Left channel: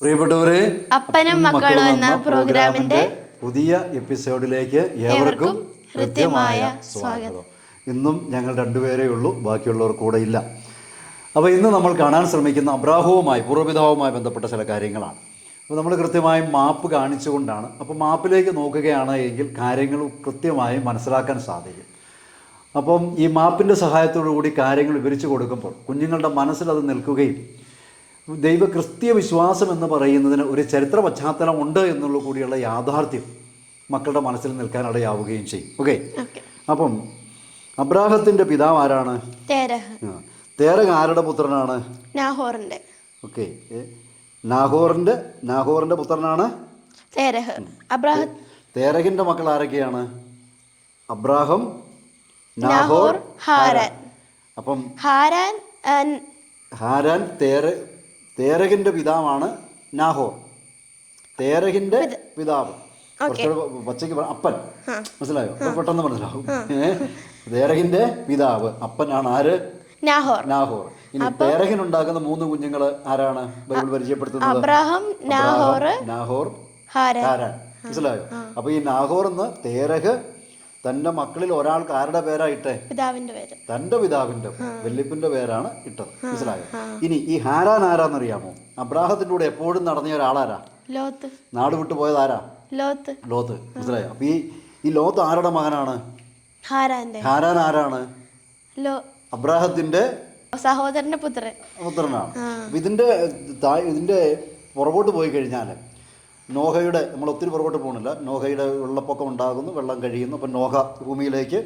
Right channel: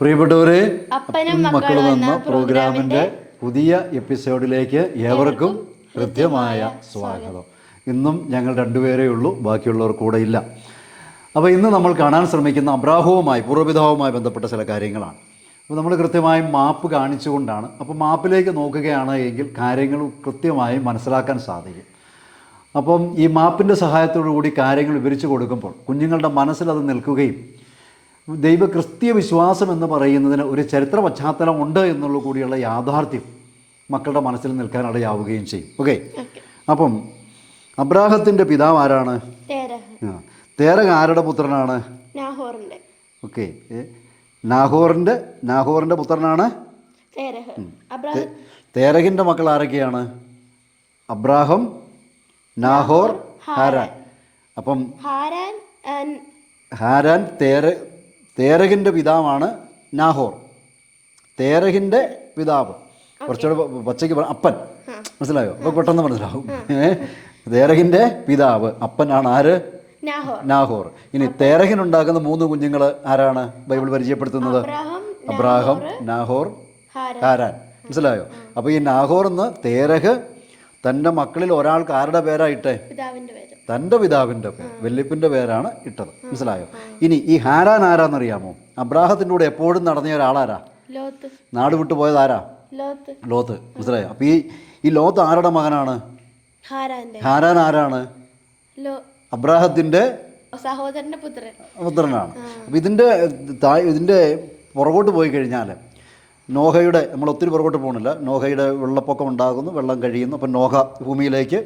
പ്രിയപ്പെട്ടവരെ, അപ്പനും മക്കളും എന്ന പ്രോഗ്രാമിന്റെ പുതിയ എപ്പിസോഡിലേക്ക് ഏവർക്കും ഹൃദ്യമായ സ്വാഗതം. ഇന്നും ഞങ്ങൾ രണ്ടുപേരേ ഉള്ളൂ, ബാക്കിയുള്ളവർ കൂടെ ഇല്ല. അപ്പോൾ ഇന്ന് നമ്മൾ കാണാൻ ശ്രമിക്കുന്ന അബ്രാഹവുമായി, പൂർവ്വപിതാവുമായി ബന്ധപ്പെട്ട ചില കാര്യങ്ങളാണ്. അപ്പോൾ നമ്മൾ കൃത്യമായും മാപ്പ് കാണിച്ചുകൊണ്ടാണ്. അപ്പോൾ മാപ്പിലേക്ക് നോക്കുകയാണ് എങ്കിൽ കാര്യങ്ങൾ കൃത്യമായി മനസ്സിലാക്കാൻ സാധിക്കും. അപ്പം ഈ മാപ്പിൻ്റെ സഹായത്തോടു കൂടി കാര്യങ്ങൾ വിവരിച്ചു കൊടുക്കുമ്പോൾ കുഞ്ഞുങ്ങളുടെ മനസ്സിൽ അത് നിൽക്കുകയും ദൈവ ക്രിസ്തീയ വിശ്വാസം എന്ന് പറയുന്നതിന് ഒരു ചരിത്ര പശ്ചാത്തലം ഉണ്ട് എന്നുള്ള കൂടിയുള്ള യാഥാർത്ഥ്യം മക്കളുടെ മനസ്സിൽ നിൽക്കാൻ ഇടയാവുകയും ചെയ്യും. ഓക്കെ, അപ്പം അബ്രാഹത്തിൻ്റെ പിതാവ് ആരാണ്? തേരഹ് ആരുടെ പുത്രനാണ്? ഓക്കെ, നാഹോറിൻ്റെ പുത്രനാണ് തേരഹിൻ്റെ മക്കൾ ആരൊക്കെയാണ്? Abraham, Nahor, Haran. അപ്പം ഹാരാൻ തേരഹിൻ്റെ പിതാവാണ് നാഹോർ. തേരഹിൻ്റെ പിതാവ് കുറച്ചുകൂടെ പച്ചയ്ക്ക് അപ്പൻ, മനസ്സിലായോ? അപ്പോൾ പെട്ടെന്ന് മനസ്സിലാവും. തേരഹിൻ്റെ പിതാവ് അപ്പനാണ് ആര്? നാഹോർ. ഇനി തേരഹിനുണ്ടാക്കുന്ന 3 കുഞ്ഞുങ്ങൾ ആരാണ് ബൈബിൾ പരിചയപ്പെടുത്തുന്നത്? Abraham, Nahor, Haran. മനസ്സിലായോ? അപ്പോൾ ഈ നാഹോർ എന്ന് തേരഹ് തൻ്റെ മക്കളിൽ ഒരാൾക്ക് ആരുടെ പേരായിട്ടെ? തൻ്റെ പിതാവിൻ്റെ വല്യപ്പൻ്റെ പേരാണ് ഇട്ടത്. മനസ്സിലായോ? ഇനി ഈ ഹാരാൻ ആരാന്നറിയാമോ? അബ്രാഹത്തിൻ്റെ കൂടെ എപ്പോഴും നടന്ന ഒരാളാരാ? നാട് വിട്ടു പോയത് ആരാ? ലോത്ത്. മനസ്സിലായോ? അപ്പൊ ഈ ലോത്ത് ആരുടെ മകനാണ്? ഹാരാൻ ആരാണ്? അബ്രാഹത്തിന്റെ സഹോദരന്റെ പുത്രനാണ്. അപ്പൊ ഇതിന്റെ പുറകോട്ട് പോയി കഴിഞ്ഞാൽ നോഹയുടെ, നമ്മൾ ഒത്തിരി പുറകോട്ട് പോകണില്ല, നോഹയുടെ വെള്ളപ്പൊക്കം ഉണ്ടാകുന്നു, വെള്ളം കഴിയുന്നു. അപ്പം നോഹ ഭൂമിയിലേക്ക്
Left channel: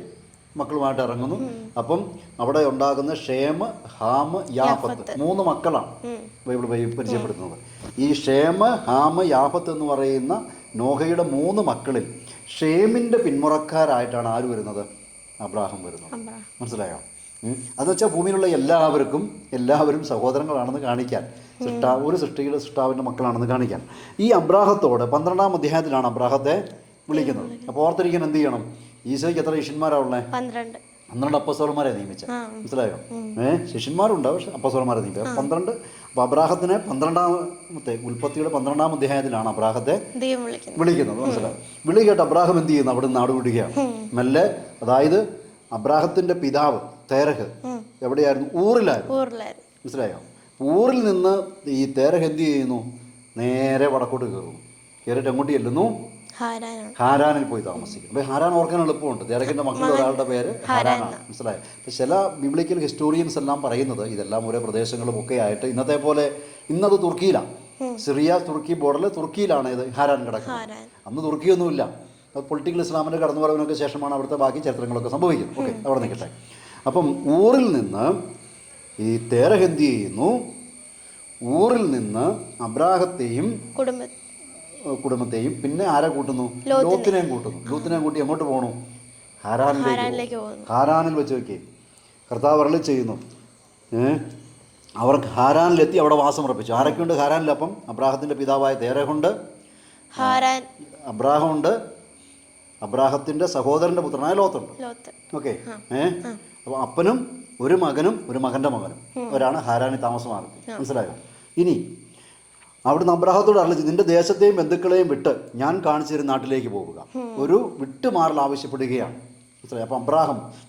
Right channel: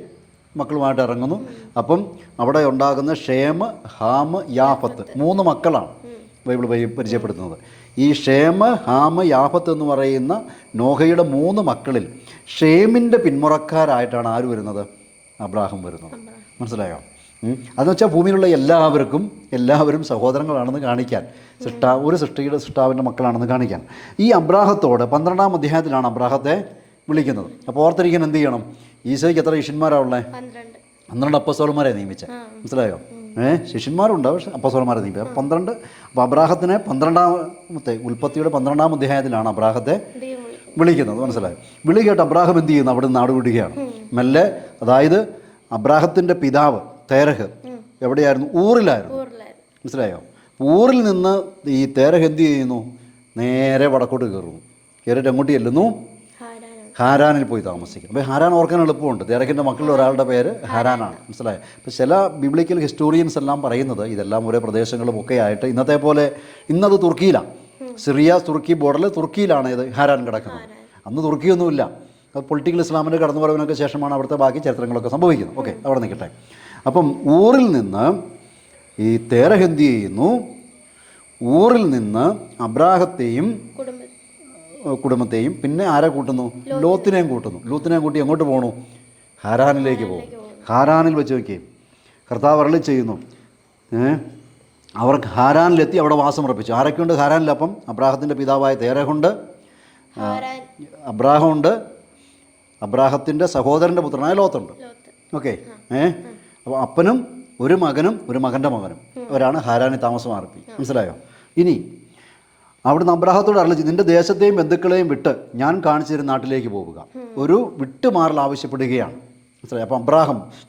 മക്കളുമായിട്ട് ഇറങ്ങുന്നു. അപ്പം അവിടെ ഉണ്ടാകുന്ന ഷേമ്, ഹാമ്, യാഫത്ത് 3 മക്കളാണ് ബൈബിൾ പരിചയപ്പെടുത്തുന്നത്. ഈ ഷേമ്, ഹാമ്, യാഫത്ത് എന്ന് പറയുന്ന നോഹയുടെ 3 മക്കളിൽ ഷേമിൻ്റെ പിന്മുറക്കാരായിട്ടാണ് ആര് വരുന്നത്? അബ്രാഹം വരുന്നത്. മനസ്സിലായോ? അതെന്ന് വെച്ചാൽ ഭൂമിയിലുള്ള എല്ലാവരും സഹോദരങ്ങളാണെന്ന് കാണിക്കാൻ, ഒരു സൃഷ്ടാവിൻ്റെ മക്കളാണെന്ന് കാണിക്കാൻ. ഈ അബ്രാഹത്തോട് 12-ാം അധ്യായത്തിലാണ് അബ്രാഹത്തെ വിളിക്കുന്നത്. അപ്പോൾ ഓർത്തിരിക്കാൻ എന്ത് ചെയ്യണം? ഈശോയ്ക്ക് എത്ര ശിഷ്യന്മാരാണ് ഉള്ളത്? 12 അപ്പസ്തോലന്മാരെ നിയമിച്ചത്. മനസ്സിലായോ? ശിഷ്യന്മാരുണ്ട്, പക്ഷെ അപ്പസ്തോലന്മാരെ നിയമിച്ചത് 12. അപ്പോൾ അബ്രാഹത്തിനെ 12-ാമത്തെ ഉൽപ്പത്തിയുടെ 12-ാം അധ്യായത്തിലാണ് അബ്രാഹത്തെ വിളിക്കുന്നത്. മനസ്സിലായോ? വിളി കേട്ട് അബ്രാഹം എന്ത് ചെയ്യുന്നു? അവിടെ നാട് വിടുകയാണ് മെല്ലെ. അതായത് അബ്രാഹത്തിൻ്റെ പിതാവ് തേരഹ് എവിടെയായിരുന്നു? ഊറിലായിരുന്നു. മനസ്സിലായോ? ഊറിൽ നിന്ന് ഈ തേരഹ് എന്ത് ചെയ്യുന്നു? നേരെ വടക്കോട്ട് കയറുന്നു. കയറിയിട്ട് എങ്ങോട്ട് ചെല്ലുന്നു? ഹാരാനിൽ പോയി താമസിക്കും. അപ്പോൾ ഹാരാൻ ഓർക്കാൻ എളുപ്പമുണ്ട്. തേരഹിൻ്റെ മക്കളിൽ ഒരാളുടെ പേര് ഹാരാനാണ്. മനസ്സിലായോ? അപ്പോൾ ചില ബിബ്ലിക്കൽ ഹിസ്റ്റോറിയൻസ് എല്ലാം പറയുന്നത് ഇതെല്ലാം ഒരേ പ്രദേശങ്ങളും ഒക്കെ ആയിട്ട് ഇന്നത്തെ പോലെ, ഇന്നത് തുർക്കിയിലാണ്, സിറിയ തുർക്കി ബോർഡറിൽ തുർക്കിയിലാണ് ഇത് ഹാരാൻ കിടക്കുന്നത്. അന്ന് തുർക്കിയൊന്നുമില്ല. പൊളിറ്റിക്കൽ ഇസ്ലാമിൻ്റെ കടന്നുവരവിനൊക്കെ ശേഷമാണ് അവിടുത്തെ ബാക്കി ചരിത്രങ്ങളൊക്കെ സംഭവിക്കുന്നത്. ഓക്കെ, അവിടെ നിൽക്കട്ടെ. അപ്പം ഊറിൽ നിന്ന് ഈ തേരഹ് എന്ത് ചെയ്യുന്നു? ഊറിൽ നിന്ന് അബ്രാഹത്തെയും കുടുംബത്തെയും പിന്നെ ആരെ കൂട്ടുന്നു? ലോത്തിനെയും കൂട്ടുന്നു. ലോത്തിനെയും കൂട്ടി എങ്ങോട്ട് പോകണു? ഹാരാനിലേക്ക് പോകും. ഹാരാനിൽ വെച്ച് വയ്ക്കുകയും കർത്താവ് അരുളി ചെയ്യുന്നു. അവർക്ക് ഹാരാനിലെത്തി അവിടെ വാസം ഉറപ്പിച്ചു. ആരൊക്കെയുണ്ട് ഹാരാനിൽ? അപ്പം അബ്രാഹത്തിൻ്റെ പിതാവായ തേരഹുണ്ട്, അബ്രാഹമുണ്ട്, അബ്രാഹത്തിൻ്റെ സഹോദരൻ്റെ പുത്രനായ ലോത്തുണ്ട്. ഓക്കെ, അപ്പോൾ അപ്പനും ഒരു മകനും ഒരു മകൻ്റെ മകനും അവരാണ് ഹാരാനിൽ താമസമാർത്തി. മനസ്സിലായോ? ഇനി അവിടുന്ന് അബ്രാഹത്തോട് അരുളി, നിന്റെ ദേശത്തെയും ബന്ധുക്കളെയും വിട്ട് ഞാൻ കാണിച്ചു തരുന്ന നാട്ടിലേക്ക് പോവുക. ഒരു വിട്ടുമാറൽ ആവശ്യപ്പെടുകയാണ്. മനസ്സിലായി? അപ്പം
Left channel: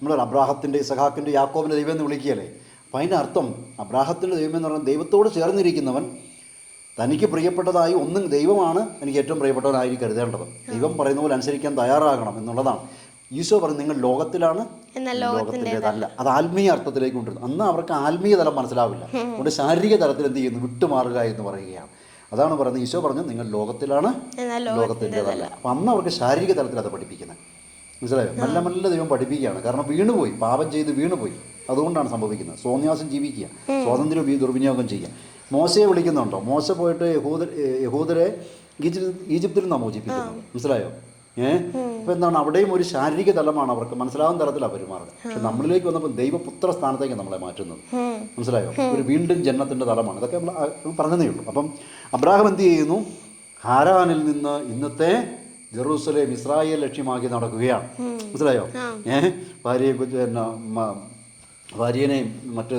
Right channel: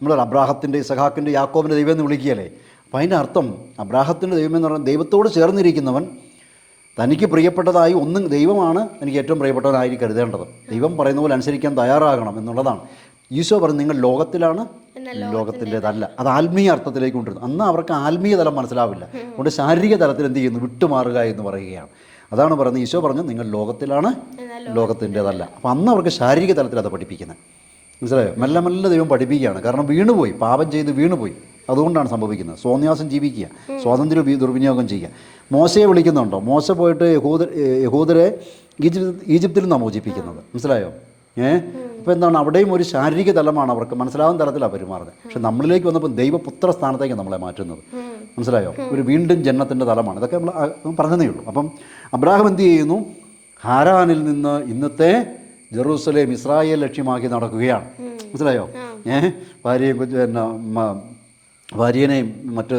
നമ്മൾ അബ്രാഹത്തിൻ്റെ, ഇസഹാക്കിൻ്റെ, യാക്കോബിൻ്റെ ദൈവം എന്ന് വിളിക്കുകയല്ലേ? അപ്പം അതിൻ്റെ അർത്ഥം അബ്രാഹത്തിൻ്റെ ദൈവം എന്ന് പറഞ്ഞാൽ ദൈവത്തോട് ചേർന്നിരിക്കുന്നവൻ, തനിക്ക് പ്രിയപ്പെട്ടതായി ഒന്നും ദൈവമാണ് എനിക്ക് ഏറ്റവും പ്രിയപ്പെട്ടവനായി കരുതേണ്ടത്. ദൈവം പറയുന്ന പോലെ അനുസരിക്കാൻ തയ്യാറാകണം എന്നുള്ളതാണ്. ഈശോ പറഞ്ഞു, നിങ്ങൾ ലോകത്തിലാണ്, ലോകത്തിൻ്റെതല്ല. അത് ആത്മീയ അർത്ഥത്തിലേക്ക് കൊണ്ടുവരുന്നു. അന്ന് അവർക്ക് ആത്മീയ തലം മനസ്സിലാവില്ല. അതുകൊണ്ട് ശാരീരിക തലത്തിൽ എന്ത് ചെയ്യുന്നു? വിട്ടുമാറുക എന്ന് പറയുകയാണ്. അതാണ് പറയുന്നത്. ഈശോ പറഞ്ഞു, നിങ്ങൾ ലോകത്തിലാണ്, ലോകത്തിൻ്റെതല്ല. അപ്പം അന്ന് അവർക്ക് ശാരീരിക തലത്തിൽ അത് പഠിപ്പിക്കുന്നത്. മനസ്സിലായോ? മെല്ലെ മെല്ലെ ദൈവം പഠിപ്പിക്കുകയാണ്. കാരണം വീണുപോയി, പാപം ചെയ്ത് വീണുപോയി. അതുകൊണ്ടാണ് സംഭവിക്കുന്നത്. സ്വന്യാസം ജീവിക്കുക, സ്വാതന്ത്ര്യം ദുർവിനിയോഗം ചെയ്യുക. മോശയെ വിളിക്കുന്നുണ്ടോ? മോശ പോയിട്ട് യഹൂദരെ ഈജിപ്തിൽ നിന്നാണ് മോചിപ്പിക്കുന്നത്. മനസ്സിലായോ? അപ്പോൾ എന്താണ്? അവിടെയും ഒരു ശാരീരിക തലമാണ്, അവർക്ക് മനസ്സിലാവുന്ന തലത്തിലാണ് പെരുമാറുന്നത്. പക്ഷെ നമ്മളിലേക്ക് വന്നപ്പോൾ ദൈവപുത്ര സ്ഥാനത്തേക്ക് നമ്മളെ മാറ്റുന്നത്. മനസ്സിലായോ? ഒരു വീണ്ടും ജന്മത്തിൻ്റെ തലമാണ്. ഇതൊക്കെ നമ്മൾ പറഞ്ഞതേ ഉള്ളൂ. അപ്പം അബ്രാഹം എന്ത് ചെയ്യുന്നു? ഹാരാനിൽ നിന്ന് ഇന്നത്തെ ജെറൂസലേം, ഇസ്രായേൽ ലക്ഷ്യമാക്കി നടക്കുകയാണ്. മനസ്സിലായോ? ഭാര്യയെയും മറ്റ്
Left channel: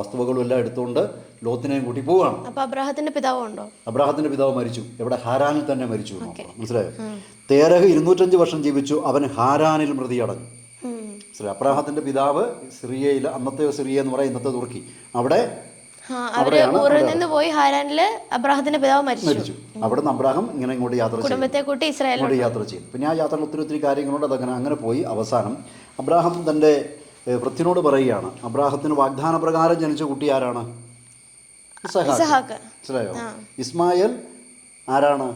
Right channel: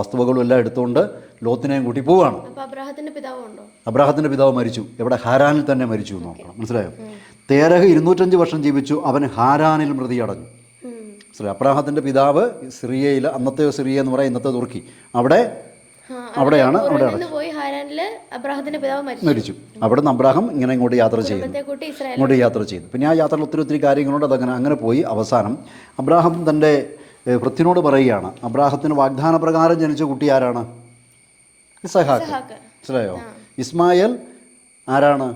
വസ്തുവകളും എല്ലാം എടുത്തുകൊണ്ട് ലോത്തിനെയും കൂട്ടി പോവുകയാണ്. അപ്പൊ അബ്രാഹത്തിന്റെ പിതാവ് ഉണ്ടോ? അബ്രാഹത്തിൻ്റെ പിതാവ് മരിച്ചു. എവിടെ? ഹാരാനിൽ തന്നെ മരിച്ചു എന്ന് നോക്കണം. മനസ്സിലായോ? തേരഹ് 205 വർഷം ജീവിച്ചു, അവൻ ഹാരാനിൽ മൃതിയടഞ്ഞു. മനസ്സിലായോ? അബ്രാഹത്തിൻ്റെ പിതാവ് സിറിയയിൽ, അന്നത്തെ സിറിയ എന്ന് പറയാം, ഇന്നത്തെ തുർക്കി, അവിടെയാണ് പോയി ഹാരാനില് അബ്രാഹത്തിന്റെ പിതാവ് മരിച്ചു. അവിടെ നിന്ന് അബ്രാഹം ഇങ്ങനെ ഇങ്ങോട്ട് യാത്ര ചെയ്തു. പിന്നെ ആ യാത്രയിൽ ഒത്തിരി കാര്യങ്ങളുണ്ട്. അങ്ങനെ പോയി അവസാനം അബ്രാഹം തൻ്റെ ഭൃത്യനോട് പറയുകയാണ്, അബ്രാഹത്തിന് വാഗ്ദാന പ്രകാരം ജനിച്ച കുട്ടി ആരാണ്? ഇസഹാക്ക്. മനസ്സിലായോ? ഇസ്മായിൽ ആരാണ്?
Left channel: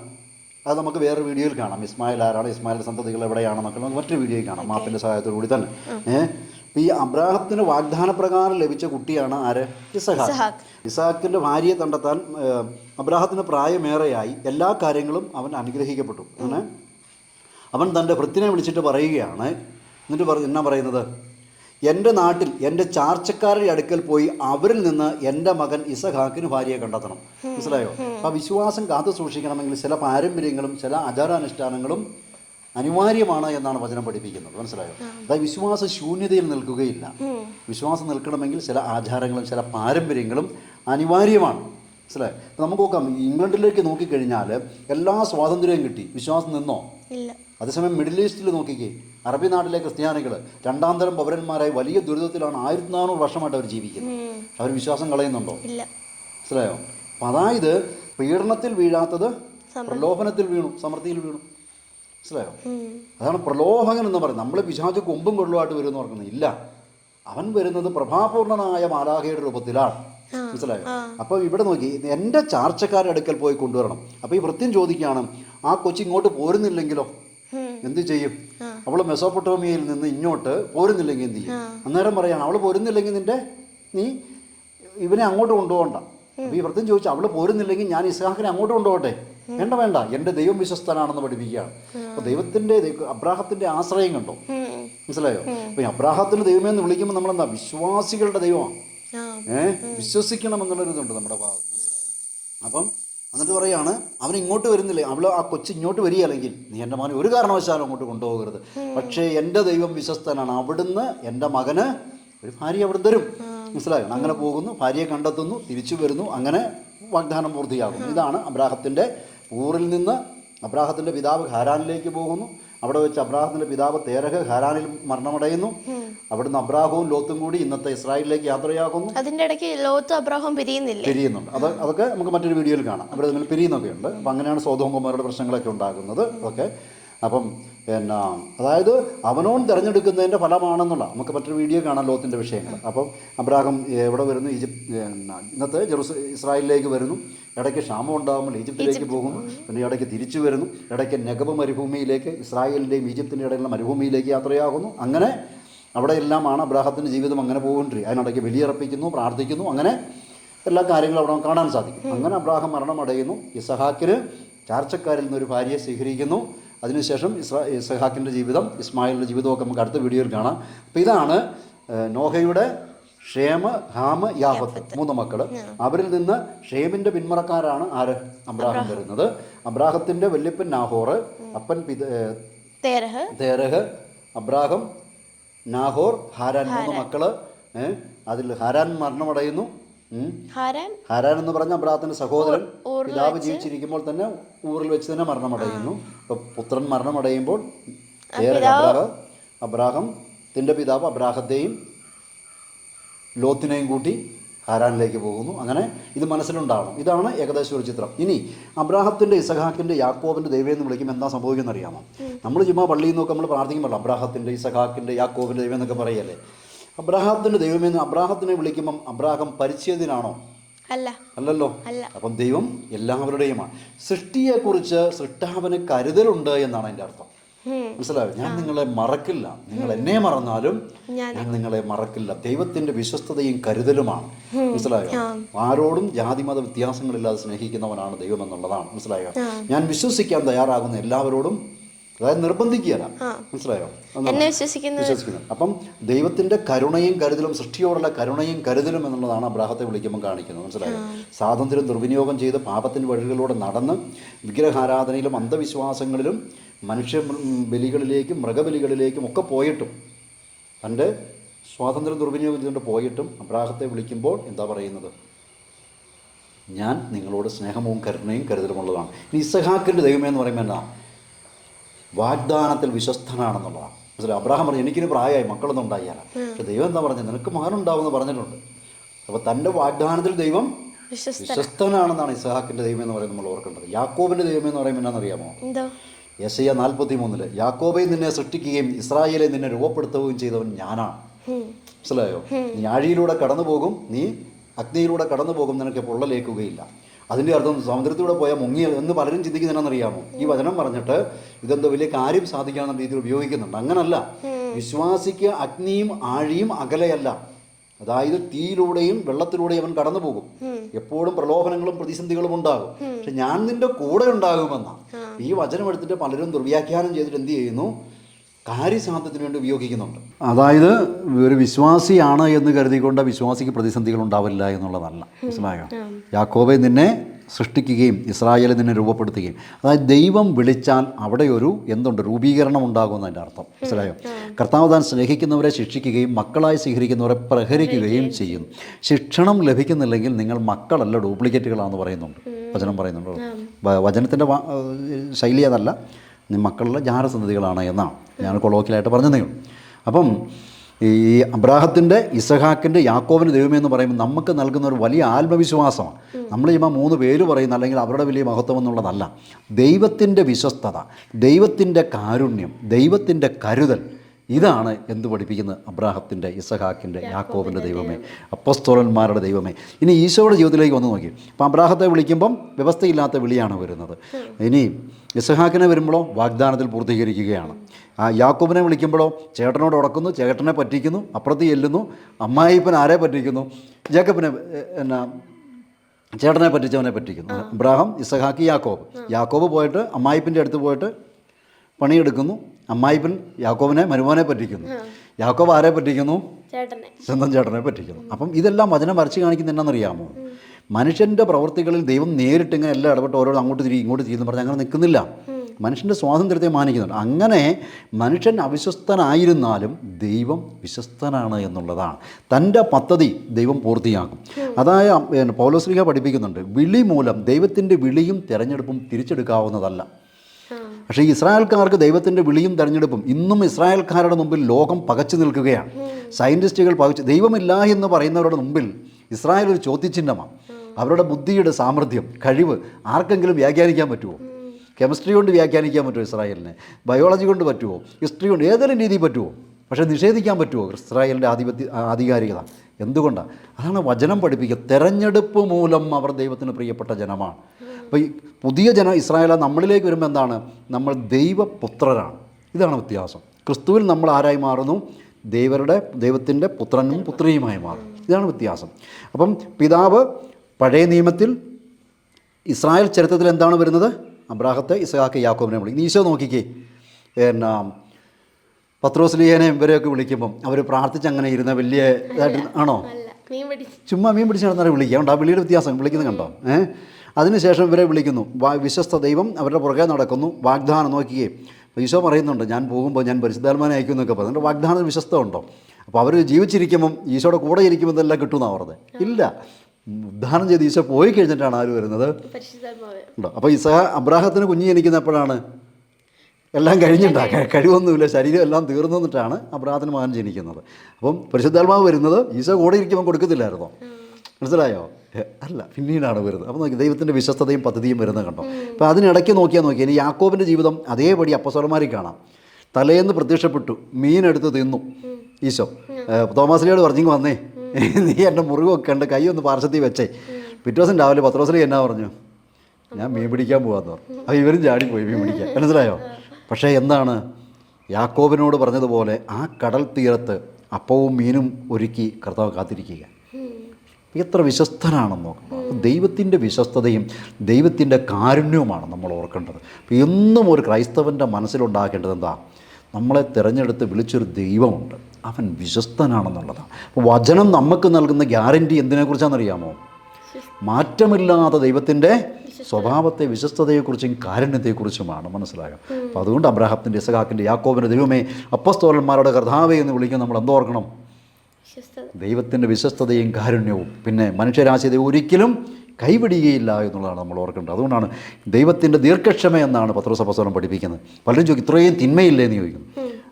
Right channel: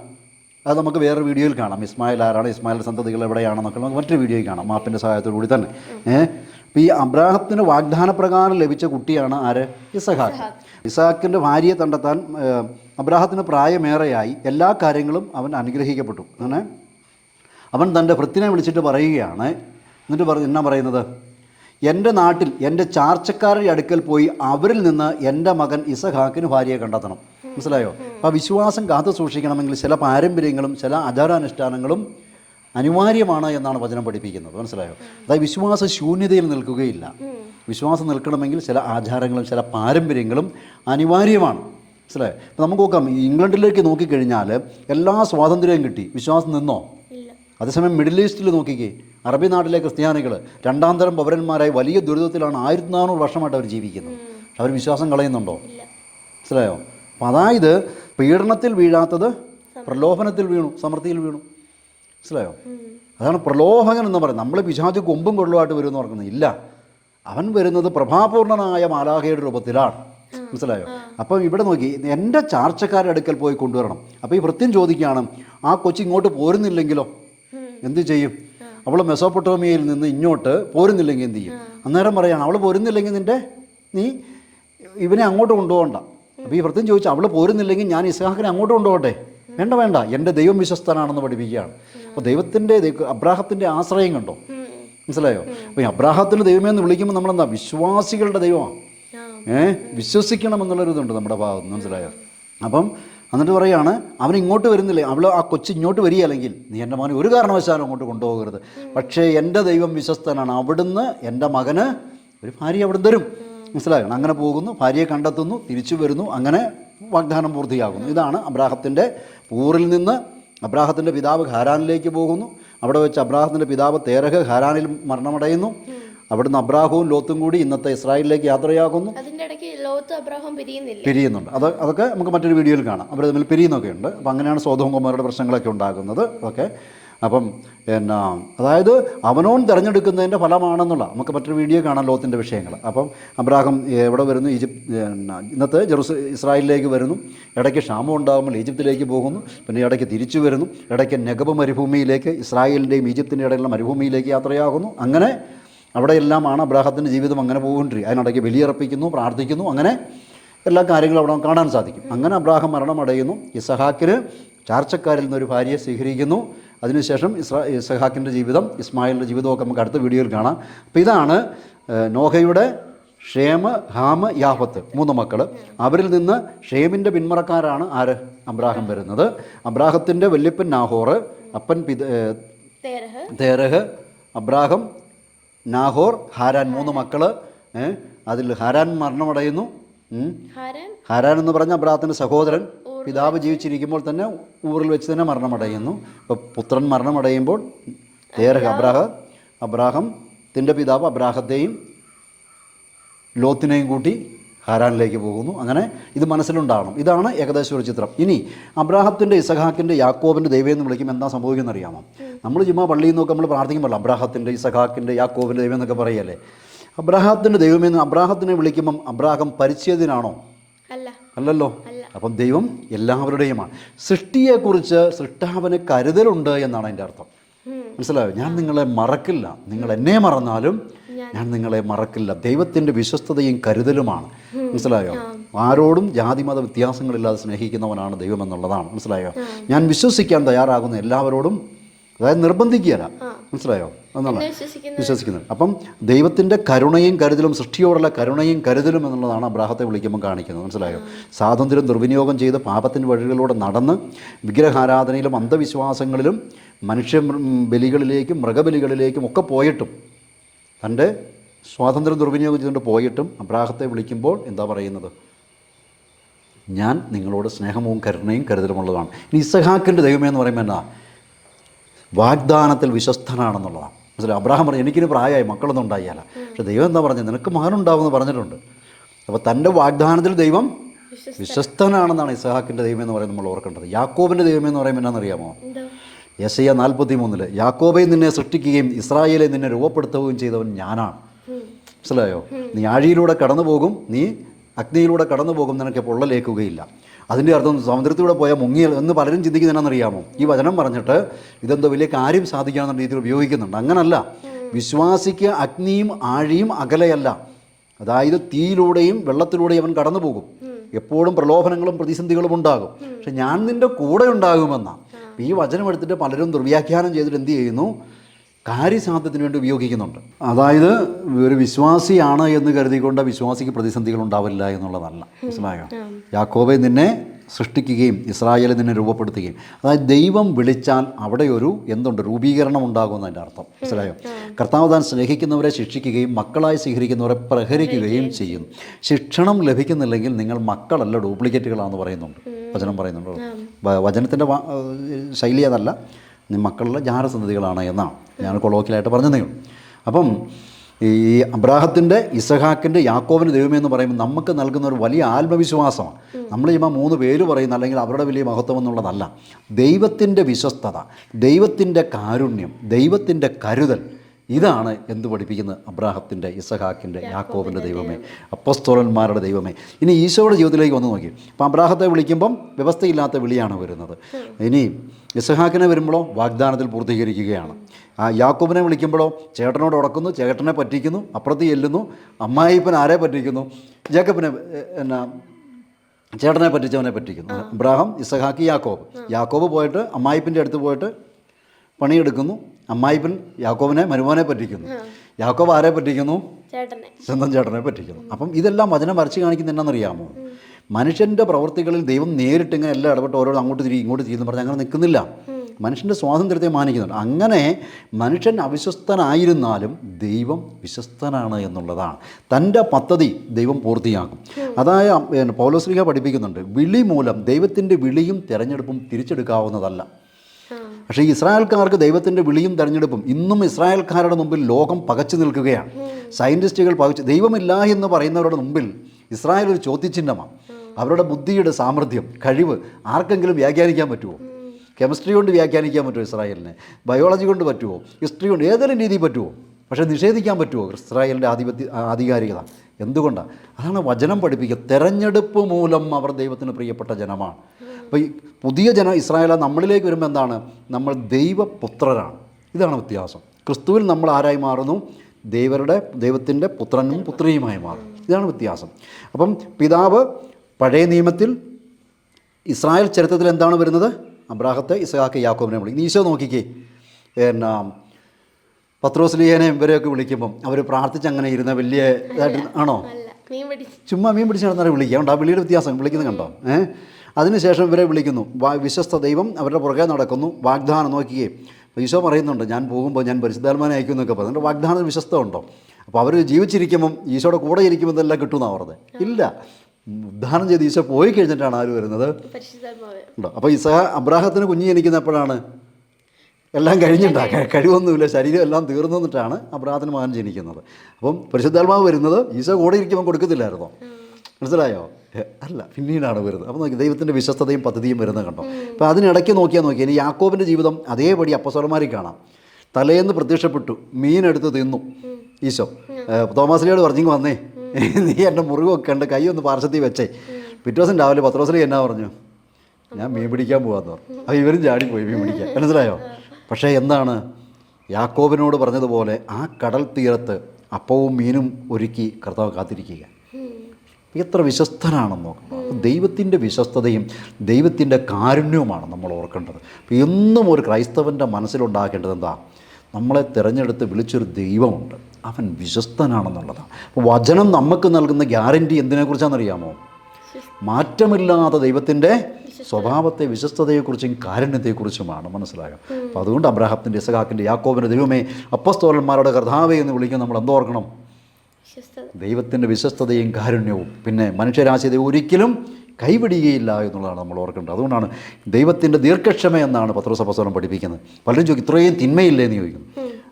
അത് നമുക്ക് വേറൊരു വീഡിയോയിൽ കാണാം. ഇസ്മായിൽ ആരാണ്, ഇസ്മായിലിൻ്റെ സന്തതികൾ എവിടെയാണെന്നൊക്കെ നമുക്ക് മറ്റൊരു വീഡിയോയിൽ കാണാം, മാപ്പിൻ്റെ സഹായത്തോടു കൂടി തന്നെ. അപ്പോൾ ഈ അബ്രാഹത്തിന് വാഗ്ദാന പ്രകാരം ലഭിച്ച കുട്ടിയാണ് ആര്? ഇസഹാക്ക്. ഇസഹാക്കിൻ്റെ ഭാര്യയെ കണ്ടെത്താൻ അബ്രാഹത്തിന് പ്രായമേറെയായി. എല്ലാ കാര്യങ്ങളും അവൻ അനുഗ്രഹിക്കപ്പെട്ടു. അങ്ങനെ അവൻ തൻ്റെ ഭൃത്യനെ വിളിച്ചിട്ട് പറയുകയാണ്. എന്നിട്ട് എന്നാ പറയുന്നത്? എൻ്റെ നാട്ടിൽ എൻ്റെ ചാർച്ചക്കാരുടെ അടുക്കൽ പോയി അവരിൽ നിന്ന് എൻ്റെ മകൻ ഇസഹാക്കിന് ഭാര്യയെ കണ്ടെത്തണം. മനസ്സിലായോ? അപ്പോൾ വിശ്വാസം കാത്തു സൂക്ഷിക്കണമെങ്കിൽ ചില പാരമ്പര്യങ്ങളും ചില ആചാരാനുഷ്ഠാനങ്ങളും അനിവാര്യമാണ് എന്നാണ് വചനം പഠിപ്പിക്കുന്നത്. മനസ്സിലായോ? അതായത് വിശ്വാസ ശൂന്യതയിൽ നിൽക്കുകയില്ല. വിശ്വാസം നിൽക്കണമെങ്കിൽ ചില ആചാരങ്ങളും ചില പാരമ്പര്യങ്ങളും അനിവാര്യമാണ്. മനസ്സിലായോ? അപ്പോൾ നമുക്ക് നോക്കാം, ഇംഗ്ലണ്ടിലേക്ക് നോക്കിക്കഴിഞ്ഞാൽ എല്ലാ സ്വാതന്ത്ര്യവും കിട്ടി, വിശ്വാസം നിന്നോ? അതേസമയം മിഡിൽ ഈസ്റ്റിൽ നോക്കിക്കേ, അറബി നാട്ടിലെ ക്രിസ്ത്യാനികൾ രണ്ടാം തരം പൗരന്മാരായി വലിയ ദുരിതത്തിലാണ് 1400 വർഷമായിട്ട് അവർ ജീവിക്കുന്നത്. അവർ വിശ്വാസം കളയുന്നുണ്ടോ? മനസ്സിലായോ? അപ്പം അതായത് പീഡനത്തിൽ വീഴാത്തത് പ്രലോഭനത്തിൽ വീണു, സമൃദ്ധിയിൽ വീണു. മനസ്സിലായോ? അതാണ് പ്രലോഭകൻ എന്ന് പറയുന്നത്. നമ്മൾ പിശാച് കൊമ്പും കൊള്ളുമായിട്ട് വരുമെന്ന് പറയുന്നത് ഇല്ല. അവൻ വരുന്നത് പ്രഭാപൂർണനായ മാലാഖയുടെ രൂപത്തിലാണ്. മനസ്സിലായോ? അപ്പം ഇവിടെ നോക്കി, എൻ്റെ ചാർച്ചക്കാരുടെ അടുക്കൽ പോയി കൊണ്ടുവരണം. അപ്പോൾ ഈ ഭൃത്യൻ ചോദിക്കുകയാണ്, ആ കൊച്ചി ഇങ്ങോട്ട് പോരുന്നില്ലെങ്കിലോ എന്ത് ചെയ്യും? അവൾ മെസോപ്പൊട്ടോമിയയിൽ നിന്ന് ഇങ്ങോട്ട് പോരുന്നില്ലെങ്കിൽ എന്ത് ചെയ്യും? അന്നേരം പറയാണ്, അവൾ പോരുന്നില്ലെങ്കിൽ നീ ഇവനെ അങ്ങോട്ട് കൊണ്ടുപോകണ്ട. അപ്പോൾ ഈ ഭൃത്യൻ ചോദിച്ചു, അവൾ പോരുന്നില്ലെങ്കിൽ ഞാൻ ഇസ്ഹാക്കിനെ അങ്ങോട്ട് കൊണ്ടുപോകട്ടെ? വേണ്ട, എൻ്റെ ദൈവം വിശ്വസ്തനാണെന്ന് പഠിപ്പിക്കുകയാണ്. അപ്പോൾ ദൈവത്തിൻ്റെ അബ്രാഹത്തിൻ്റെ ആശ്രയം കണ്ടോ? മനസ്സിലായോ? അപ്പോൾ ഈ അബ്രാഹത്തിൻ്റെ ദൈവമേ എന്ന് വിളിക്കുമ്പോൾ നമ്മളെന്താ? വിശ്വാസികളുടെ ദൈവമാണ്. വിശ്വസിക്കണം എന്നുള്ളൊരിതുണ്ട് നമ്മുടെ ഭാഗത്ത്. മനസ്സിലായോ? അപ്പം എന്നിട്ട് പറയുകയാണ്, അവൻ ഇങ്ങോട്ട് വരുന്നില്ലേ, അവൾ ആ കൊച്ചി ഇങ്ങോട്ട് വരികയല്ലെങ്കിൽ നീ എൻ്റെ മോനെ ഒരു കാരണവശാലും അങ്ങോട്ട് കൊണ്ടുപോകരുത്. പക്ഷേ എൻ്റെ ദൈവം വിശ്വസ്തനാണ്, അവിടുന്ന് എൻ്റെ മകന് ഒരു ഭാര്യ അവിടെ തരും. മനസ്സിലായോ? അങ്ങനെ പോകുന്നു, ഭാര്യയെ കണ്ടെത്തുന്നു, തിരിച്ചു വരുന്നു, അങ്ങനെ വാഗ്ദാനം പൂർത്തിയാകുന്നു. ഇതാണ് അബ്രാഹത്തിൻ്റെ ഊറിൽ നിന്ന് അബ്രാഹത്തിൻ്റെ പിതാവ് ഹാരാനിലേക്ക് പോകുന്നു. അവിടെ വെച്ച് അബ്രാഹത്തിൻ്റെ പിതാവ് തേരഹ് ഹാരാനിൽ മരണമടയുന്നു. അവിടുന്ന് അബ്രാഹവും ലോത്തും കൂടി ഇന്നത്തെ ഇസ്രായേലിലേക്ക് യാത്രയാകുന്നു. അതിൻ്റെ ഇടയ്ക്ക് ലോത്തും അബ്രാഹവും പിരിയുന്നുണ്ട്. അതൊക്കെ നമുക്ക് മറ്റൊരു വീഡിയോയിൽ കാണാം. അവർ തമ്മിൽ പിരിയുന്നൊക്കെ ഉണ്ട്. അപ്പം അങ്ങനെയാണ് സോദോം ഗൊമോറയുടെ പ്രശ്നങ്ങളൊക്കെ ഉണ്ടാകുന്നത്. ഓക്കെ. അപ്പം അതായത് അവനോൻ തിരഞ്ഞെടുക്കുന്നതിൻ്റെ ഫലമാണെന്നുള്ള നമുക്ക് മറ്റൊരു വീഡിയോ കാണാം ലോത്തിൻ്റെ വിഷയങ്ങൾ. അപ്പം അബ്രാഹം എവിടെ വരുന്നു? ഇന്നത്തെ ഇസ്രായേലിലേക്ക് വരുന്നു. ഇടയ്ക്ക് ക്ഷാമം ഉണ്ടാകുമ്പോൾ ഈജിപ്തിലേക്ക് പോകുന്നു. പിന്നെ ഇടയ്ക്ക് തിരിച്ചു വരുന്നു. ഇടയ്ക്ക് നെഗബ് മരുഭൂമിയിലേക്ക്, ഇസ്രായേലിൻ്റെയും ഈജിപ്തിൻ്റെ ഇടയിലുള്ള മരുഭൂമിയിലേക്ക് യാത്രയാകുന്നു. അങ്ങനെ അവിടെയെല്ലാമാണ് അബ്രാഹത്തിൻ്റെ ജീവിതം അങ്ങനെ പോകുകൊണ്ടിരിക്കുക. അതിനിടയ്ക്ക് ബലിയർപ്പിക്കുന്നു, പ്രാർത്ഥിക്കുന്നു, അങ്ങനെ എല്ലാ കാര്യങ്ങളും അവിടെ കാണാൻ സാധിക്കും. അങ്ങനെ അബ്രാഹം മരണമടയുന്നു. ഇസഹാക്കിന് ചാർച്ചക്കാരിൽ നിന്നൊരു ഭാര്യയെ സ്വീകരിക്കുന്നു. അതിനുശേഷം ഇസഹാക്കിൻ്റെ ജീവിതം, ഇസ്മായിലിൻ്റെ ജീവിതമൊക്കെ നമുക്ക് അടുത്ത വീഡിയോയിൽ കാണാം. അപ്പോൾ ഇതാണ് നോഹയുടെ ഷേം, ഹാം, യാഫത്ത് 3 മക്കൾ. അവരിൽ നിന്ന് ഷേമിൻ്റെ പിന്മുറക്കാരാണ് ആര്? അബ്രാഹം വരുന്നത്. അബ്രാഹത്തിൻ്റെ വല്യപ്പൻ നാഹോർ, അപ്പൻ തേരഹ്, അബ്രാഹം, നാഹോർ, ഹാരാൻ 3 മക്കൾ. അതിൽ ഹാരാൻ മരണമടയുന്നു. ഹാരാൻ എന്ന് പറഞ്ഞ അബ്രാഹത്തിൻ്റെ സഹോദരൻ പിതാവ് ജീവിച്ചിരിക്കുമ്പോൾ തന്നെ ഊറിൽ വെച്ച് തന്നെ മരണമടയുന്നു. അപ്പോൾ പുത്രൻ മരണമടയുമ്പോൾ അബ്രാഹത്തിൻ്റെ പിതാവ് അബ്രാഹത്തെയും ലോത്തിനെയും കൂട്ടി ഹാരാനിലേക്ക് പോകുന്നു. അങ്ങനെ ഇത് മനസ്സിലുണ്ടാവണം. ഇതാണ് ഏകദേശം ഒരു ചിത്രം. ഇനി അബ്രാഹത്തിൻ്റെ, ഇസഹാക്കിൻ്റെ, യാക്കോബിൻ്റെ ദൈവം എന്ന് വിളിക്കുമ്പോൾ എന്താ സംഭവിക്കുന്നത് അറിയാമോ? നമ്മൾ ചുമ്മാ പള്ളിയിൽ നിന്നൊക്കെ നമ്മൾ പ്രാർത്ഥിക്കുമ്പോൾ അബ്രാഹത്തിൻ്റെ, ഇസഹാക്കിൻ്റെ, യാക്കോബിൻ്റെ ദൈവം എന്നൊക്കെ പറയല്ലേ. അബ്രാഹത്തിൻ്റെ ദൈവമെന്ന് അബ്രാഹത്തിനെ വിളിക്കുമ്പം അബ്രാഹം പരിച്ഛേദനാണോ? അല്ലല്ലോ. അപ്പം ദൈവം എല്ലാവരുടെയുമാണ്. സൃഷ്ടിയെക്കുറിച്ച് സൃഷ്ടാവിന് കരുതലുണ്ട് എന്നാണ് അതിൻ്റെ അർത്ഥം. മനസ്സിലായോ? ഞാൻ നിങ്ങളെ മറക്കില്ല, നിങ്ങൾ എന്നെ മറന്നാലും ഞാൻ നിങ്ങളെ മറക്കില്ല. ദൈവത്തിൻ്റെ വിശ്വസ്തതയും കരുതലുമാണ്. മനസ്സിലായോ? ആരോടും ജാതിമത വ്യത്യാസങ്ങളില്ലാതെ സ്നേഹിക്കുന്നവനാണ് ദൈവം എന്നുള്ളതാണ്. മനസ്സിലായോ? ഞാൻ വിശ്വസിക്കാൻ തയ്യാറാകുന്ന എല്ലാവരോടും, അതായത് നിർബന്ധിക്കുകയല്ല. മനസ്സിലായോ? വിശ്വസിക്കുന്നത്. അപ്പം ദൈവത്തിൻ്റെ കരുണയും കരുതലും, സൃഷ്ടിയോടുള്ള കരുണയും കരുതലും എന്നുള്ളതാണ് അബ്രാഹത്തെ വിളിക്കുമ്പോൾ കാണിക്കുന്നത്. മനസ്സിലായോ? സ്വാതന്ത്ര്യം ദുർവിനിയോഗം ചെയ്ത് പാപത്തിൻ്റെ വഴികളിലൂടെ നടന്ന് വിഗ്രഹാരാധനയിലും അന്ധവിശ്വാസങ്ങളിലും മനുഷ്യ ബലികളിലേക്കും മൃഗബലികളിലേക്കും ഒക്കെ പോയിട്ടും, തൻ്റെ സ്വാതന്ത്ര്യം ദുർവിനിയോഗം ചെയ്തുകൊണ്ട് പോയിട്ടും അബ്രാഹത്തെ വിളിക്കുമ്പോൾ എന്താ പറയുന്നത്? ഞാൻ നിങ്ങളോട് സ്നേഹവും കരുണയും കരുതലുമുള്ളതാണ്. ഇനി ഇസഹാക്കിൻ്റെ ദൈവമേ എന്ന് പറയുമ്പോൾ എന്നാ? വാഗ്ദാനത്തിൽ വിശ്വസ്തനാണെന്നുള്ളതാണ്. മനസ്സിലായി? അബ്രാഹാം പറഞ്ഞു എനിക്കിന് പ്രായമായി, മക്കളൊന്നും ഉണ്ടായില്ല. പക്ഷെ ദൈവം എന്താ പറഞ്ഞത്? നിനക്ക് മകനുണ്ടാവുമെന്ന് പറഞ്ഞിട്ടുണ്ട്. അപ്പോൾ തൻ്റെ വാഗ്ദാനത്തിൽ ദൈവം വിശ്വസ്തനാണെന്നാണ് ഇസഹാക്കിൻ്റെ ദൈവം എന്ന് പറയുന്നത് നമ്മൾ ഓർക്കേണ്ടത്. യാക്കോബിൻ്റെ ദൈവം എന്ന് പറയുമ്പോൾ എന്നാണെന്നറിയാമോ? യെശയ്യാ 43 യാക്കോബെ നിന്നെ സൃഷ്ടിക്കുകയും ഇസ്രായേലെ നിന്നെ രൂപപ്പെടുത്തുകയും ചെയ്തവൻ ഞാനാണ്. മനസ്സിലായോ? നീ ആഴിയിലൂടെ കടന്നു പോകും, നീ അഗ്നിയിലൂടെ കടന്നു പോകും, നിനക്ക് പൊള്ളലേക്കുകയില്ല. അതിൻ്റെ അർത്ഥം സമുദ്രത്തിലൂടെ പോയാൽ മുങ്ങിയ എന്ന് പലരും ചിന്തിക്കുന്നതിനാണെന്നറിയാമോ? ഈ വചനം പറഞ്ഞിട്ട് ഇതെന്തോ വലിയ കാര്യം സാധിക്കാവുന്ന രീതിയിൽ ഉപയോഗിക്കുന്നുണ്ട്. അങ്ങനല്ല. വിശ്വാസിക്ക് അഗ്നിയും ആഴിയും അകലെയല്ല. അതായത് തീയിലൂടെയും വെള്ളത്തിലൂടെയും അവൻ കടന്നു പോകും. എപ്പോഴും പ്രലോഭനങ്ങളും പ്രതിസന്ധികളും ഉണ്ടാകും. പക്ഷെ ഞാൻ നിൻ്റെ കൂടെ ഉണ്ടാകുമെന്ന ഈ വചനം എടുത്തിട്ട് പലരും ദുർവ്യാഖ്യാനം ചെയ്തിട്ട് എന്ത് ചെയ്യുന്നു? കാര്യസാധ്യത്തിന് വേണ്ടി ഉപയോഗിക്കുന്നുണ്ട്. അതായത് ഒരു വിശ്വാസിയാണ് എന്ന് കരുതിക്കൊണ്ട് വിശ്വാസിക്ക് പ്രതിസന്ധികൾ ഉണ്ടാവില്ല എന്നുള്ളതല്ല. മനസ്സിലായോ? യാക്കോബെ നിന്നെ സൃഷ്ടിക്കുകയും ഇസ്രായേലിൽ നിന്നെ രൂപപ്പെടുത്തുകയും. അതായത് ദൈവം വിളിച്ചാൽ അവിടെ ഒരു എന്തുണ്ട്? രൂപീകരണം ഉണ്ടാകുമെന്നതിൻ്റെ അർത്ഥം. മനസ്സിലായോ? കർത്താവ് താൻ സ്നേഹിക്കുന്നവരെ ശിക്ഷിക്കുകയും മക്കളായി സ്വീകരിക്കുന്നവരെ പ്രഹരിക്കുകയും ചെയ്യും. ശിക്ഷണം ലഭിക്കുന്നില്ലെങ്കിൽ നിങ്ങൾ മക്കളല്ല, ഡ്യൂപ്ലിക്കേറ്റുകളാണെന്ന് പറയുന്നുണ്ട്. വചനം പറയുന്നുണ്ട്. വചനത്തിൻ്റെ ശൈലി അതല്ല. മക്കളുടെ ജാരസന്തതികളാണ് എന്നാണ് ഞാൻ കൊളോക്കിലായിട്ട് പറഞ്ഞതേ ഉള്ളൂ. അപ്പം ഈ അബ്രാഹത്തിൻ്റെ, ഇസഹാക്കിൻ്റെ, യാക്കോബിൻ്റെ ദൈവമേ എന്ന് പറയുമ്പോൾ നമുക്ക് നൽകുന്ന ഒരു വലിയ ആത്മവിശ്വാസമാണ്. നമ്മൾ ചുമ്മാ 3 പേര് പറയുന്ന അല്ലെങ്കിൽ അവരുടെ വലിയ മഹത്വം എന്നുള്ളതല്ല. ദൈവത്തിൻ്റെ വിശ്വസ്തത, ദൈവത്തിൻ്റെ കാരുണ്യം, ദൈവത്തിൻ്റെ കരുതൽ, ഇതാണ് എന്ത് പഠിപ്പിക്കുന്നത്? അബ്രാഹത്തിൻ്റെ, ഇസഹാക്കിൻ്റെ, യാക്കോബിൻ്റെ ദൈവമേ, അപ്പോസ്തലന്മാരുടെ ദൈവമേ. ഇനി ഈശോയുടെ ജീവിതത്തിലേക്ക് വന്ന് നോക്കി. അപ്പോൾ അബ്രാഹത്തെ വിളിക്കുമ്പം വ്യവസ്ഥയില്ലാത്ത വിളിയാണ് വരുന്നത്. ഇനി ഇസഹാക്കിനെ വരുമ്പോഴോ വാഗ്ദാനത്തിൽ പൂർത്തീകരിക്കുകയാണ്. ആ യാക്കോബിനെ വിളിക്കുമ്പോഴോ ചേട്ടനോട് ഉടക്കുന്നു, ചേട്ടനെ പറ്റിക്കുന്നു, അപ്പുറത്ത് ചെല്ലുന്നു. അമ്മായിപ്പൻ ആരെ പറ്റിക്കുന്നു? ജേക്കബിനെ ചേട്ടനെ പറ്റിച്ചവനെ പറ്റിക്കുന്നു. അബ്രാഹാം, ഇസഹാക്ക്, യാക്കോബ് പോയിട്ട് അമ്മായിപ്പിൻ്റെ അടുത്ത് പോയിട്ട് പണിയെടുക്കുന്നു. അമ്മായിപ്പൻ യാക്കോബിനെ, മരുമോനെ പറ്റിക്കുന്നു. യാക്കോബ് ആരെ പറ്റിക്കുന്നു? സ്വന്തം ചേട്ടനെ പറ്റിക്കുന്നു. അപ്പം ഇതെല്ലാം വചനം വരച്ച് കാണിക്കുന്നത് എന്നാണെന്നറിയാമോ? മനുഷ്യൻ്റെ പ്രവൃത്തികളിൽ ദൈവം നേരിട്ട് ഇങ്ങനെ എല്ലാം ഇടപെട്ട് ഓരോ അങ്ങോട്ട് തിരികെ ഇങ്ങോട്ട് തിരിയെന്ന് പറഞ്ഞ് അങ്ങനെ നിൽക്കുന്നില്ല. മനുഷ്യൻ്റെ സ്വാതന്ത്ര്യത്തെ മാനിക്കുന്നുണ്ട്. അങ്ങനെ മനുഷ്യൻ അവിശ്വസ്തനായിരുന്നാലും ദൈവം വിശ്വസ്തനാണ് എന്നുള്ളതാണ്. തൻ്റെ പദ്ധതി ദൈവം പൂർത്തിയാക്കും. അതായത് പൗലോസ്ലീഹ പഠിപ്പിക്കുന്നുണ്ട്, വിളി മൂലം ദൈവത്തിൻ്റെ വിളിയും തിരഞ്ഞെടുപ്പും തിരിച്ചെടുക്കാവുന്നതല്ല. പക്ഷേ ഇസ്രായേൽക്കാർക്ക് ദൈവത്തിൻ്റെ വിളിയും തിരഞ്ഞെടുപ്പും ഇന്നും ഇസ്രായേൽക്കാരുടെ മുമ്പിൽ ലോകം പകച്ചു നിൽക്കുകയാണ്. സയൻറ്റിസ്റ്റുകൾ ദൈവമില്ല എന്ന് പറയുന്നവരുടെ മുമ്പിൽ ഇസ്രായേൽ ഒരു ചോദ്യചിഹ്നമാണ്. അവരുടെ ബുദ്ധിയുടെ സാമർഥ്യം, കഴിവ് ആർക്കെങ്കിലും വ്യാഖ്യാനിക്കാൻ പറ്റുമോ? കെമിസ്ട്രി കൊണ്ട് വ്യാഖ്യാനിക്കാൻ പറ്റുമോ ഇസ്രായേലിനെ? ബയോളജി കൊണ്ട് പറ്റുമോ? ഹിസ്റ്ററി കൊണ്ട് ഏതെങ്കിലും രീതിയിൽ പറ്റുമോ? പക്ഷേ നിഷേധിക്കാൻ പറ്റുമോ ഇസ്രായേലിൻ്റെ ആധികാരികത? എന്തുകൊണ്ടാണ്? അതാണ് വചനം പഠിപ്പിക്കുക. തെരഞ്ഞെടുപ്പ് മൂലം അവർ ദൈവത്തിന് പ്രിയപ്പെട്ട ജനമാണ്. അപ്പോൾ ഈ പുതിയ ഇസ്രായേൽ നമ്മളിലേക്ക് വരുമ്പോൾ എന്താണ്? നമ്മൾ ദൈവപുത്രരാണ്. ഇതാണ് വ്യത്യാസം. ക്രിസ്തുവിൽ നമ്മൾ ആരായി മാറുന്നു? ദൈവത്തിൻ്റെ പുത്രനും പുത്രിയുമായി മാറും. ഇതാണ് വ്യത്യാസം. അപ്പം പിതാവ് പഴയ നിയമത്തിൽ ഇസ്രായേൽ ചരിത്രത്തിൽ എന്താണ് വരുന്നത്? അബ്രാഹത്തെ, ഇസഹാക്ക്, യാക്കോബിനെ വിളിക്കും. ഈശോ നോക്കിക്കേ, പത്രോസ്ലീഹനെ ഇവരെയൊക്കെ വിളിക്കുമ്പം അവർ പ്രാർത്ഥിച്ച് അങ്ങനെ ഇരുന്ന വലിയ ഇതായിട്ട് ആണോ? ചുമ്മാ മീൻ പിടിച്ച് നടന്നവരെ വിളിക്കുക. ഉണ്ട് ആ വിളിയുടെ വ്യത്യാസം, വിളിക്കുന്നത് കണ്ടോ? അതിനുശേഷം ഇവരെ വിളിക്കുന്നു. വിശ്വസ്ത ദൈവം അവരുടെ പുറകെ നടക്കുന്നു. വാഗ്ദാനം നോക്കിയേ, ഈശോ പറയുന്നുണ്ട്, ഞാൻ പോകുമ്പോൾ ഞാൻ പരിശുദ്ധാത്മാവിനെ അയക്കും എന്നൊക്കെ പറഞ്ഞിട്ട് വാഗ്ദാനം വിശ്വസ്ത ഉണ്ടോ? അപ്പോൾ അവർ ജീവിച്ചിരിക്കുമ്പം ഈശോയുടെ കൂടെ ഇരിക്കുമ്പോൾ ഇതെല്ലാം കിട്ടുമെന്നാണ് പറഞ്ഞത്. ഇല്ല, ഉദ്ധാനം ചെയ്ത് ഈശോ പോയി കഴിഞ്ഞിട്ടാണ് ആര് വരുന്നത്? ഉണ്ടോ? അപ്പോൾ അബ്രാഹത്തിന് കുഞ്ഞ് ജനിക്കുന്ന എപ്പോഴാണ്? എല്ലാം കഴിഞ്ഞിട്ടാണ്, കഴിവൊന്നുമില്ല, ശരീരം എല്ലാം തീർന്നു വന്നിട്ടാണ് അബ്രാഹത്തിന് മകൻ ജനിക്കുന്നത്. അപ്പം പരിശുദ്ധാത്മാവ് വരുന്നത് ഈശോ കൂടെ ഇരിക്കുമ്പോൾ കൊടുക്കത്തില്ലായിരുന്നോ? മനസ്സിലായോ? അല്ല, പിന്നീടാണ് വരുന്നത്. അപ്പോൾ നോക്കി ദൈവത്തിൻ്റെ വിശ്വസ്തതയും പദ്ധതിയും വരുന്നത് കണ്ടോ? അപ്പോൾ അതിനിടയ്ക്ക് നോക്കിയാൽ ഇനി യാക്കോബിൻ്റെ ജീവിതം അതേപടി അപ്പോസ്തലന്മാരിൽ കാണാം. തലേന്ന് പ്രത്യക്ഷപ്പെട്ടു, മീനെടുത്ത് തിന്നു ഈശോ. തോമാസ്ലിയോട് പറഞ്ഞു, വന്നേ, നീ എൻ്റെ മുറിവൊക്കെ ഉണ്ട്, കൈ ഒന്ന് പാർശ്വത്തിൽ വെച്ചേ. പിറ്റേ ദിവസം രാവിലെ പത്രോസ്ലി എന്നാ പറഞ്ഞു? ഞാൻ മീൻ പിടിക്കാൻ പോകാമെന്ന് പറഞ്ഞു. അപ്പോൾ ഇവരും ചാടിപ്പോയി മീൻ പിടിക്കാൻ. മനസ്സിലായോ? പക്ഷേ എന്താണ്? യാക്കോബിനോട് പറഞ്ഞതുപോലെ ആ കടൽ തീരത്ത് അപ്പവും മീനും ഒരുക്കി കർത്താവ് കാത്തിരിക്കുക. എത്ര വിശ്വസ്തനാണെന്ന് നോക്കുമ്പോൾ ദൈവത്തിൻ്റെ വിശ്വസ്തതയും ദൈവത്തിൻ്റെ കാരുണ്യവുമാണ് നമ്മൾ ഓർക്കേണ്ടത്. അപ്പോൾ എന്നും ഒരു ക്രൈസ്തവൻ്റെ മനസ്സിലുണ്ടാക്കേണ്ടത് എന്താ? നമ്മളെ തിരഞ്ഞെടുത്ത് വിളിച്ചൊരു ദൈവമുണ്ട്, അവൻ വിശ്വസ്തനാണെന്നുള്ളതാണ്. അപ്പോൾ വചനം നമുക്ക് നൽകുന്ന ഗ്യാരൻറ്റി എന്തിനെക്കുറിച്ചാണെന്നറിയാമോ? മാറ്റമില്ലാത്ത ദൈവത്തിൻ്റെ സ്വഭാവത്തെ, വിശ്വസ്തതയെക്കുറിച്ചും കാരുണ്യത്തെക്കുറിച്ചുമാണ്. മനസ്സിലായോ? അപ്പോൾ അതുകൊണ്ട് അബ്രാഹത്തിൻ്റെ, ഇസഹാക്കിൻ്റെ, യാക്കോബിൻ്റെ ദൈവമേ, അപ്പോസ്തലന്മാരുടെ കർത്താവേ എന്ന് വിളിക്കാൻ നമ്മൾ എന്തോർക്കണം? ദൈവത്തിൻ്റെ വിശ്വസ്തതയും കാരുണ്യവും. പിന്നെ മനുഷ്യരാശിയെ ഒരിക്കലും കൈപിടിയുകയില്ല എന്നുള്ളതാണ് നമ്മൾ ഓർക്കേണ്ടത്. അതുകൊണ്ടാണ് ദൈവത്തിൻ്റെ ദീർഘക്ഷമ എന്നാണ് പത്രോസ് അപ്പോസ്തലൻ പഠിപ്പിക്കുന്നത്. പലരും ചോദിക്കും ഇത്രയും തിന്മയില്ലേ എന്ന് ചോദിക്കുന്നു.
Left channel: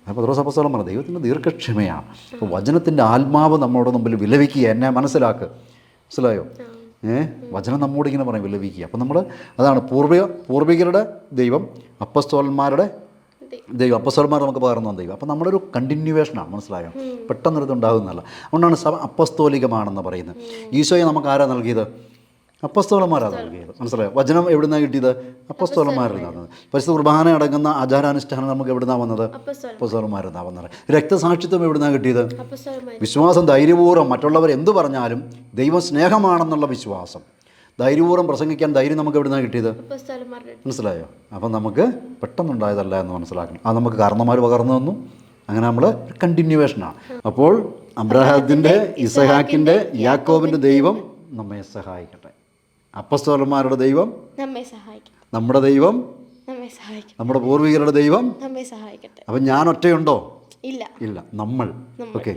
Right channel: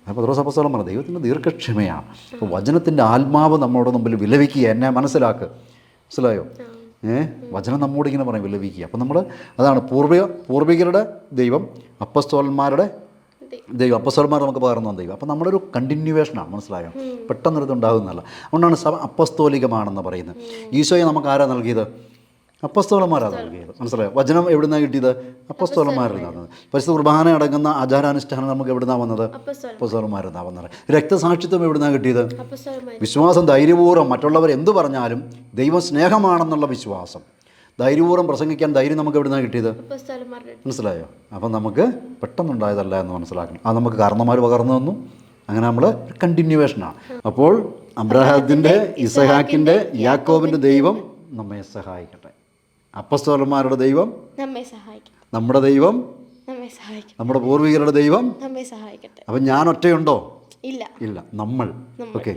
അപ്പോൾ പത്രോസ് അപ്പോസ്തലൻ പറഞ്ഞു ദൈവത്തിൻ്റെ ദീർഘക്ഷമയാണ്. അപ്പോൾ വചനത്തിൻ്റെ ആത്മാവ് നമ്മുടെ മുമ്പിൽ വിലപിക്കുക, എന്നെ മനസ്സിലാക്കുക, മനസ്സിലായോ? വചനം നമ്മോട് ഇങ്ങനെ പറയും വിലപിക്കുക. അപ്പം നമ്മൾ അതാണ് പൂർവികരുടെ ദൈവം, അപ്പസ്തോലന്മാരുടെ ദൈവം, അപ്പസ്തോലന്മാർ നമുക്ക് പകർന്നു ദൈവം. അപ്പം നമ്മുടെ ഒരു കണ്ടിന്യൂവേഷനാണ്, മനസ്സിലായോ? പെട്ടെന്നൊരിത് ഉണ്ടാകുന്നതല്ല. അതുകൊണ്ടാണ് സഭ അപ്പസ്തോലികമാണെന്ന് പറയുന്നത്. ഈശോയെ നമുക്ക് ആരാ നൽകിയത്? അപ്പസ്തോലന്മാരാണ് നൽകിയത്, മനസ്സിലായോ? വചനം എവിടുന്നാണ് കിട്ടിയത്? അപ്പസ്തോലന്മാരിൽ നിന്നാണ്. പരിശുദ്ധ കുർബാന അടങ്ങുന്ന ആചാരാനുഷ്ഠാനം നമുക്ക് എവിടുന്നാണ് വന്നത്? അപ്പസ്തോലന്മാരിൽ നിന്നാണ് വന്നത്. രക്തസാക്ഷിത്വം എവിടുന്നാണ് കിട്ടിയത്? വിശ്വാസം ധൈര്യപൂർവ്വം മറ്റുള്ളവർ എന്തു പറഞ്ഞാലും ദൈവം സ്നേഹമാണെന്നുള്ള വിശ്വാസം ധൈര്യപൂർവ്വം പ്രസംഗിക്കാൻ ധൈര്യം നമുക്ക് എവിടുന്നാണ് കിട്ടിയത്? മനസ്സിലായോ? അപ്പം നമുക്ക് പെട്ടെന്നുണ്ടായതല്ല എന്ന് മനസ്സിലാക്കണം. അത് നമുക്ക് കാരണന്മാർ പകർന്നു തന്നു. അങ്ങനെ നമ്മൾ കണ്ടിന്യൂവേഷനാണ്. അപ്പോൾ അബ്രഹാത്തിൻ്റെ, ഇസഹാക്കിൻ്റെ, യാക്കോബിൻ്റെ ദൈവം നമ്മെ സഹായിക്കട്ടെ. അപ്പസ്തോലന്മാരുടെ ദൈവം നമ്മെ സഹായിക്കും. നമ്മുടെ ദൈവം നമ്മെ സഹായിക്കും. നമ്മുടെ പൂർവികരുടെ ദൈവം നമ്മെ സഹായിക്കട്ടെ. അപ്പം ഞാൻ ഒറ്റയുണ്ടോ? ഇല്ല. നമ്മൾ. ഓക്കെ.